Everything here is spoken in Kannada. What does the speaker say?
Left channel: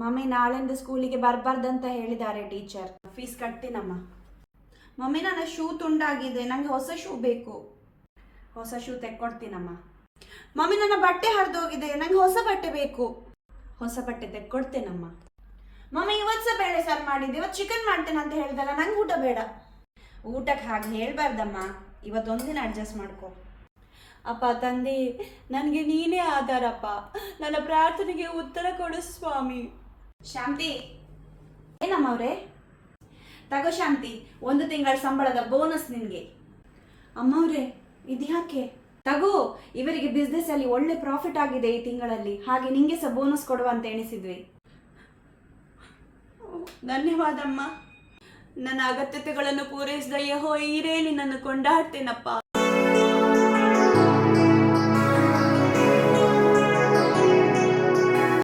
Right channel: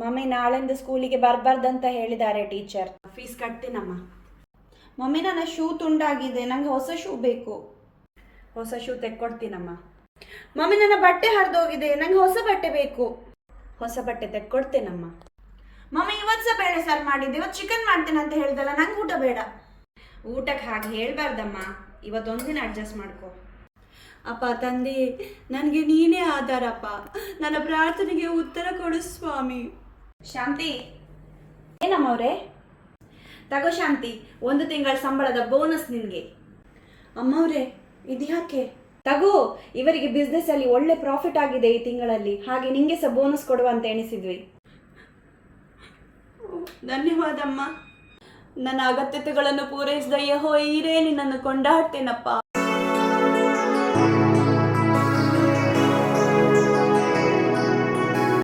ಮಮ್ಮಿ ನಾಳೆಂದು ಸ್ಕೂಲಿಗೆ ಬರಬಾರ್ದಂತ ಹೇಳಿದ್ದಾರೆ ಟೀಚರ್. ಫೀಸ್ ಕಟ್ತೀನಮ್ಮ. ಮಮ್ಮಿ ನನ್ನ ಶೂ ತುಂಡಾಗಿದೆ, ನಂಗೆ ಹೊಸ ಶೂ ಬೇಕು. ಹೊಸ ಶೂ ತೆಕ್ಕೊಡ್ತೀನಮ್ಮ. ಮಮ್ಮಿ ನನ್ನ ಬಟ್ಟೆ ಹರಿದೋಗಿದೆ, ನಂಗೆ ಹೊಸ ಬಟ್ಟೆ ಬೇಕು. ಹೊಸ ಬಟ್ಟೆ ತೆಕ್ಕೊಡ್ತೇನಮ್ಮ. ಮಮ್ಮಿ ಇವತ್ತು ಸಹ ಬೇಳೆ ಸಾರು ಮಾಡಿದ್ದೆ, ಇವತ್ತು ಚಿಕನ್ ಮಾಡ್ತೇನೆ ಅಂತ ಹೇಳ್ದಲ್ಲ, ನಂಗೆ ಊಟ ಬೇಡ. ಊಟಕ್ಕೆ ಹಾಗೆ ಹೇಳ್ಬಾರ್ದಮ್ಮ, ಇವತ್ತೊಂದಿನ ಅಡ್ಜಸ್ಟ್ ಮಾಡ್ಕೊ. ಅಪ್ಪ ತಂದೆ, ನನಗೆ ನೀನೇ ಆಧಾರಪ್ಪ, ನನ್ನ ಪ್ರಾರ್ಥನೆಗೆ ಉತ್ತರ ಕೊಡು ಸ್ವಾಮಿ. ಶಾಂತಿ. ಏನಮ್ಮವ್ರೆ? ತಗೋ ಶಾಂತಿ, 1 ತಿಂಗಳ ಸಂಬಳದ ಬೋನಸ್ ನಿನ್ಗೆ. ಅಮ್ಮವ್ರೆ, ಇದ್ಯಾಕೆ? ತಗೋ, ಇವರಿಗೆ ಬಿಸ್ನೆಸ್ ಅಲ್ಲಿ ಒಳ್ಳೆ ಪ್ರಾಫಿಟ್ ಆಗಿದೆ ಈ ತಿಂಗಳಲ್ಲಿ, ಹಾಗೆ ನಿಂಗೆ ಸಹ ಬೋನಸ್ ಕೊಡುವಂತ ಎಣಿಸಿದ್ವಿ. ಧನ್ಯವಾದಮ್ಮ. ನನ್ನ ಅಗತ್ಯತೆಗಳನ್ನು ಪೂರೈಸಿದ ಯೆಹೋವ ಈರೇ ನಿನ್ನನ್ನು ಕೊಂಡಾಡ್ತೇನಪ್ಪ.